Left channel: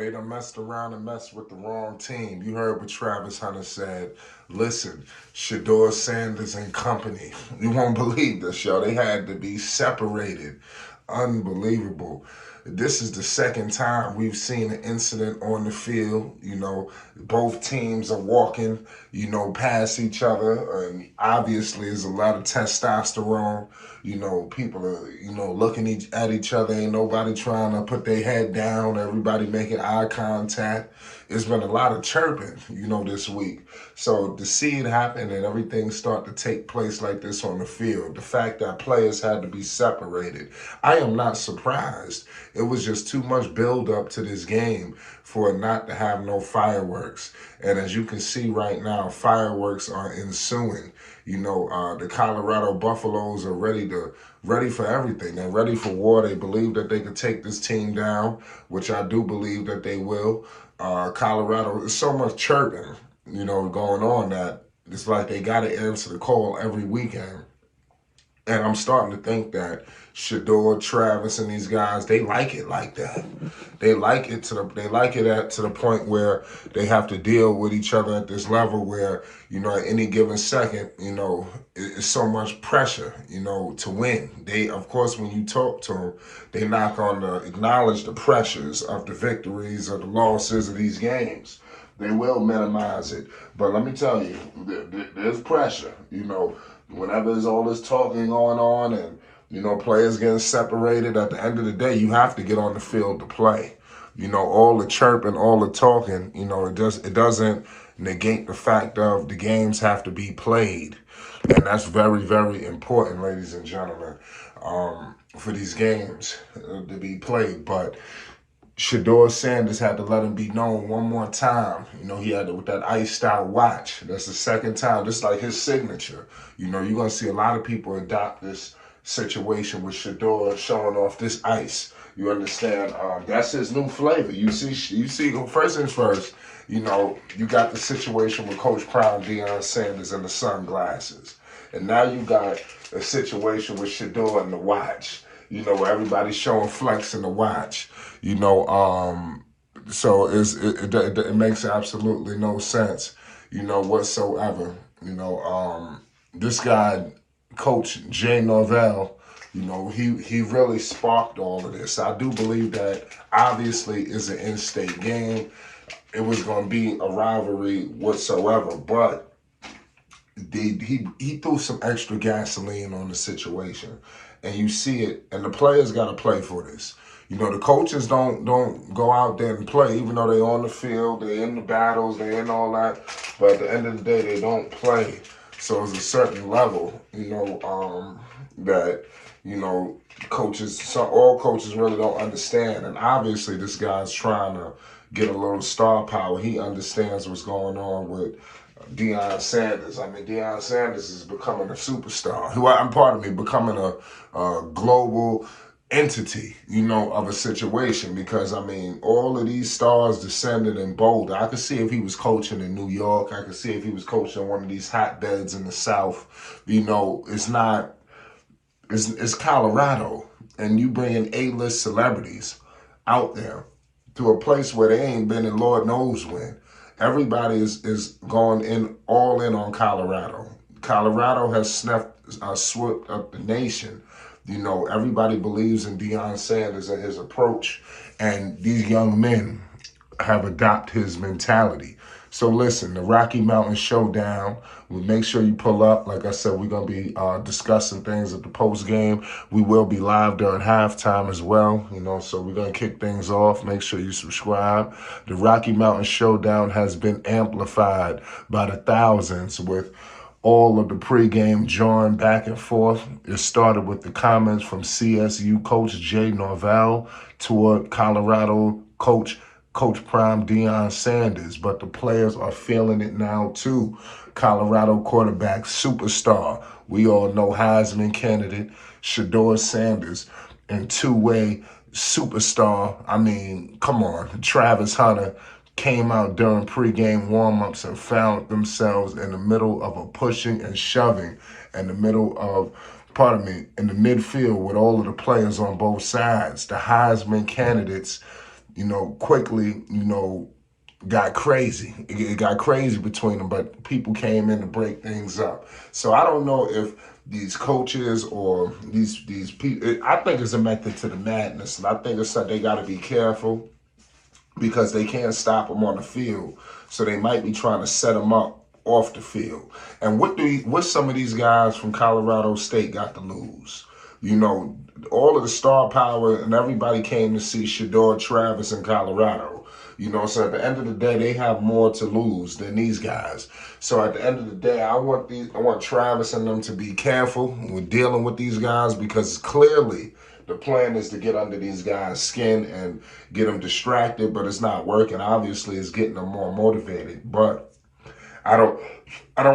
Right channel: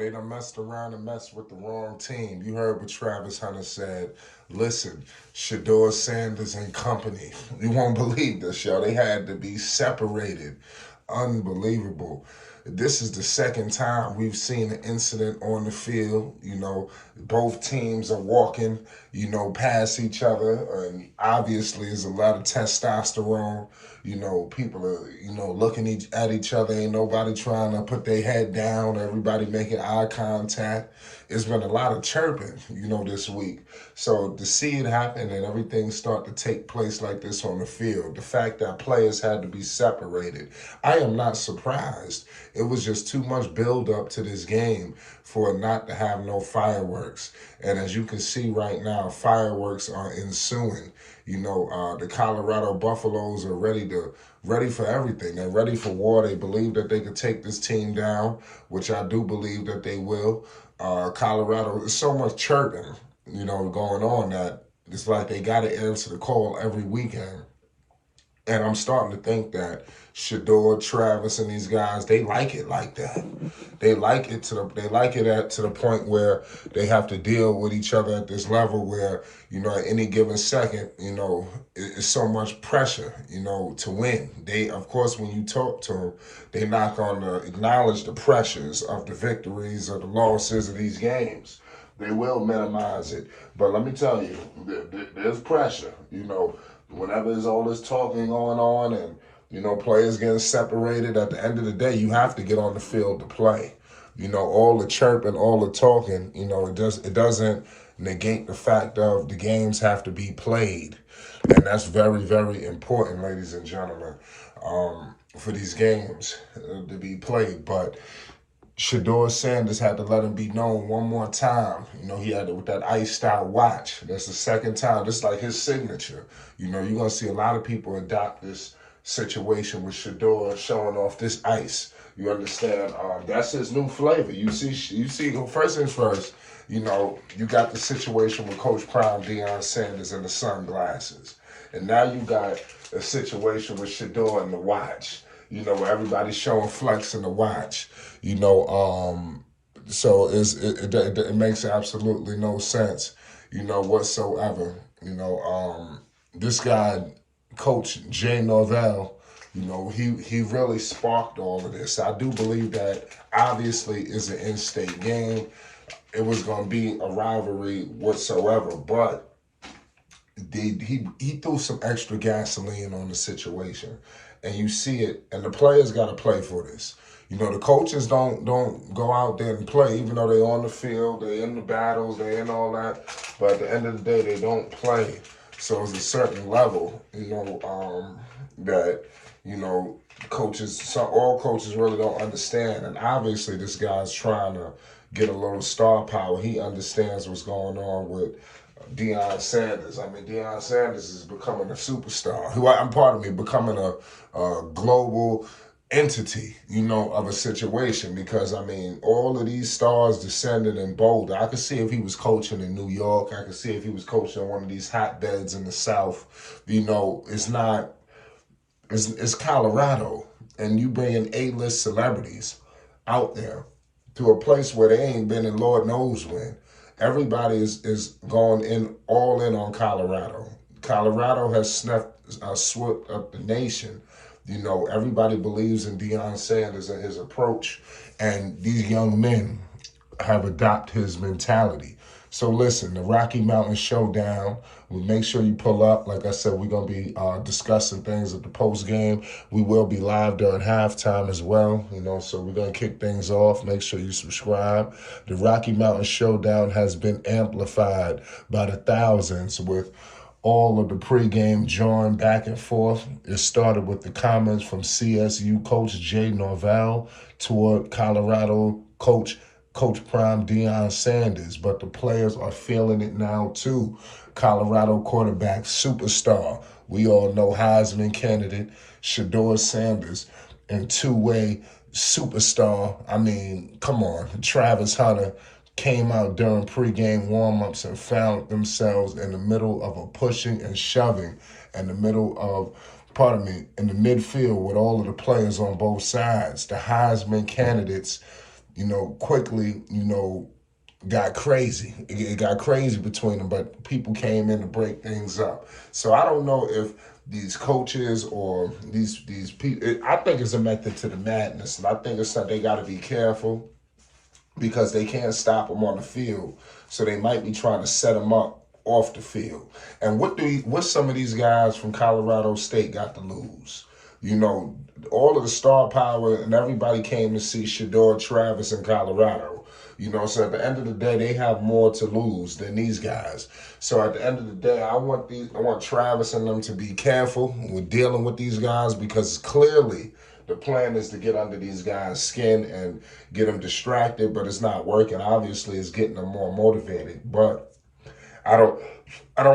they done messed around and messed with the wrong team. You heard what Travis Hunter said. Listen, Shedeur Sanders and company. You won't believe this, yo. They had to be separated. Unbelievable. This is the second time we've seen an incident on the field. Both teams are walking, past each other. And obviously, there's a lot of testosterone. People are, looking at each other. Ain't nobody trying to put their head down. Everybody making eye contact. It's been a lot of chirping, this week. So to see it happen and everything start to take place like this on the field, the fact that players had to be separated, I am not surprised. It was just too much build up to this game for it not to have no fireworks. And as you can see right now, fireworks are ensuing. The Colorado Buffaloes are ready for everything. They're ready for war. They believe that they could take this team down, which I do believe that they will. Colorado, there's so much chirping, going on that it's like they got to answer the call every weekend. And I'm starting to think that Shedeur, Travis, and these guys, they like it like that. They like it to the point where they have to deal with each other at this level where, at any given second, it's so much pressure, to win. Of course, when you talk to them, they're not going to acknowledge the pressures of the victories or the losses of these games. They will minimize it. But let me tell you, there's pressure, whenever there's all this talking going on and, players getting separated, at the end of the day, you have to get on the field to play. All the chirping, all the talking, it doesn't negate the fact of the games have to be played. And that's very, very important, ladies and gentlemen, for these games to be played. But Shedeur Sanders had to let him be known one more time. He had to, with that iced out watch. That's the second time, just like his signature. You're going to see a lot of people adopt this situation with Shedeur showing off this ice. You understand? That's his new flavor. You see. First things first. You got the situation with Coach Prime and Deion Sanders and the sunglasses, and now you got a situation with Shedeur and the watch. Everybody's showing flex in the watch. So it makes absolutely no sense, whatsoever. This guy, Coach Jay Norvell, he really sparked all of this. I do believe that obviously is an in-state game. It was going to be a rivalry whatsoever, but he threw some extra gasoline on the situation. And you see it, and the players got to play for this. The coaches don't go out there and play, even though they're on the field, they're in the battles, they're in all that. But at the end of the day, they don't play. So it's a certain level, that, coaches, so all coaches really don't understand. And obviously this guy's trying to get a little star power. He understands what's going on with Deion Sanders. I mean, Deion Sanders is becoming a superstar. Becoming a global entity, of a situation. Because, all of these stars descended in Boulder. I could see if he was coaching in New York. I could see if he was coaching one of these hotbeds in the South. It's Colorado. And you bringing A-list celebrities out there to a place where they ain't been in Lord knows when. Everybody is going all in on Colorado. Colorado has swept up the nation. Everybody believes in Deion Sanders and his approach, and these young men have adopted his mentality. So listen, the Rocky Mountain Showdown, we make sure you pull up. Like I said, we're going to be discussing things at the post game. We will be live during halftime as well, so we're going to kick things off. Make sure you subscribe. The Rocky Mountain Showdown has been amplified by the thousands with all of the pregame jawing back and forth. It started with the comments from CSU coach Jay Norvell toward Colorado coach Prime Deion Sanders, but the players are feeling it now too. Colorado quarterback superstar, we all know Heisman candidate Shedeur Sanders, and two-way superstar, come on, Travis Hunter came out during pregame warm-ups and found themselves in the middle of a pushing and shoving in the midfield with all of the players on both sides. The Heisman candidates, quickly, got crazy. It got crazy between them, but people came in to break things up. So I don't know if these coaches or these people. I think it's a method to the madness, and I think it's something they got to be careful because they can't stop them on the field. So they might be trying to set them up off the field. And what some of these guys from Colorado State got to lose? All of the star power and everybody came to see Shedeur Travis in Colorado. So at the end of the day, they have more to lose than these guys. So at the end of the day, I want Travis and them to be careful with dealing with these guys because clearly the plan is to get under these guys' skin and get them distracted, but it's not working. Obviously, it's getting them more motivated. But I don't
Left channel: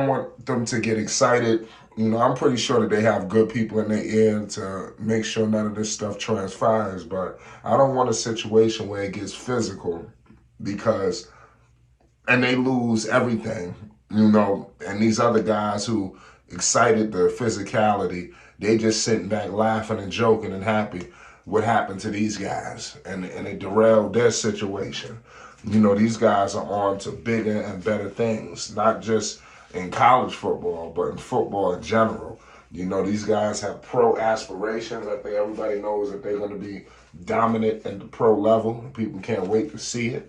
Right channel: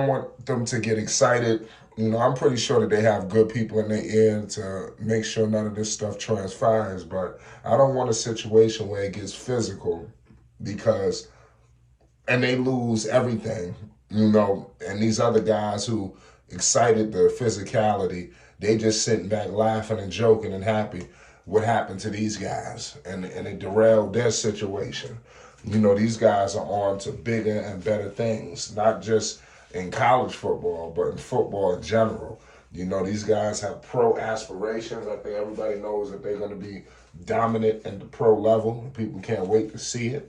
want them to get excited. I'm pretty sure that they have good people in their ear to make sure none of this stuff transpires. But I don't want a situation where it gets physical and they lose everything, and these other guys who excited the physicality, they just sitting back laughing and joking and happy. What happened to these guys? And it derailed their situation. These guys are on to bigger and better things, not just in college football, but in football in general. These guys have pro aspirations. I think everybody knows that they're going to be dominant at the pro level. People can't wait to see it.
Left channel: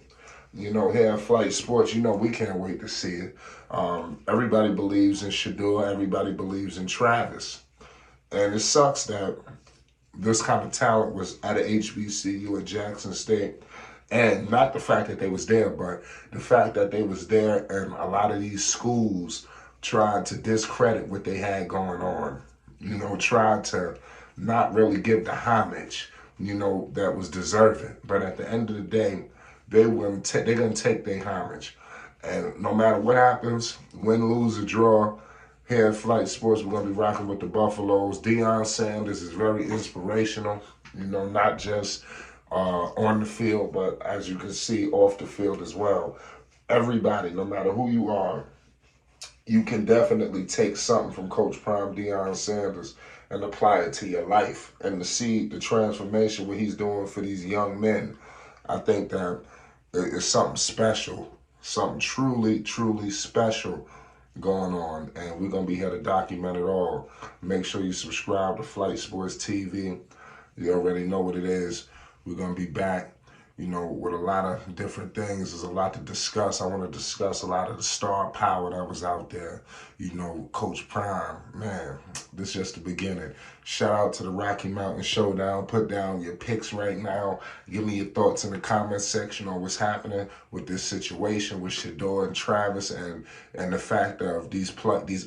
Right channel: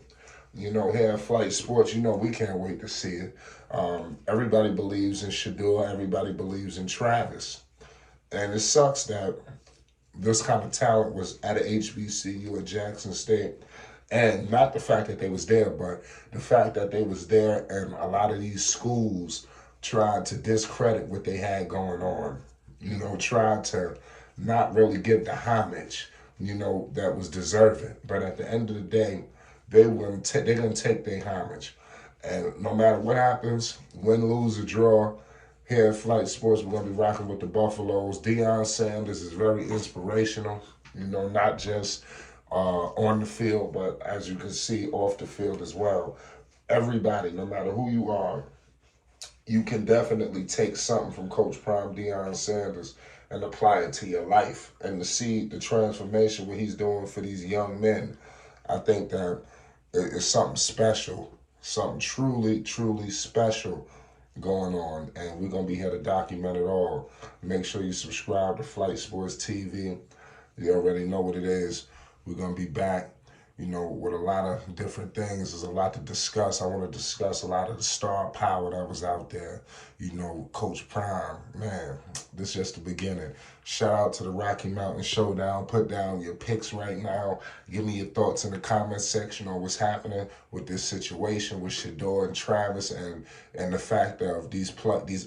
Here at Flight Sports, we can't wait to see it. Everybody believes in Shedeur. Everybody believes in Travis. And it sucks that this kind of talent was at an HBCU at Jackson State. And not the fact that they was there, but the fact that they was there and a lot of these schools tried to discredit what they had going on. Tried to not really give the homage, that was deserving. But at the end of the day, they're gonna take their homage. And no matter what happens, win, lose, or draw, here at Flight Sports, we're going to be rocking with the Buffaloes. Deion Sanders is very inspirational, not just on the field, but as you can see, off the field as well. Everybody, no matter who you are, you can definitely take something from Coach Prime Deion Sanders and apply it to your life. And to see the transformation, what he's doing for these young men, I think that it's something special, something truly, truly special going on, and we're going to be here to document it all. Make sure you subscribe to Flight Sports TV. You already know what it is. We're going to be back, with a lot of different things. There's a lot to discuss. I want to discuss a lot of the star power that was out there. Coach Prime, man, this is just the beginning. Shout out to the Rocky Mountain Showdown. Put down your picks right now. Give me your thoughts in the comment section on what's happening with this situation with Shedeur and Travis and the fact of these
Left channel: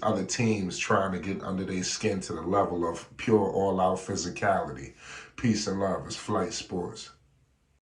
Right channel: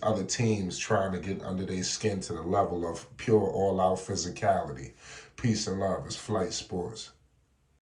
other teams trying to get under their skin to the level of pure all-out physicality. Peace and love. It's Flight Sports.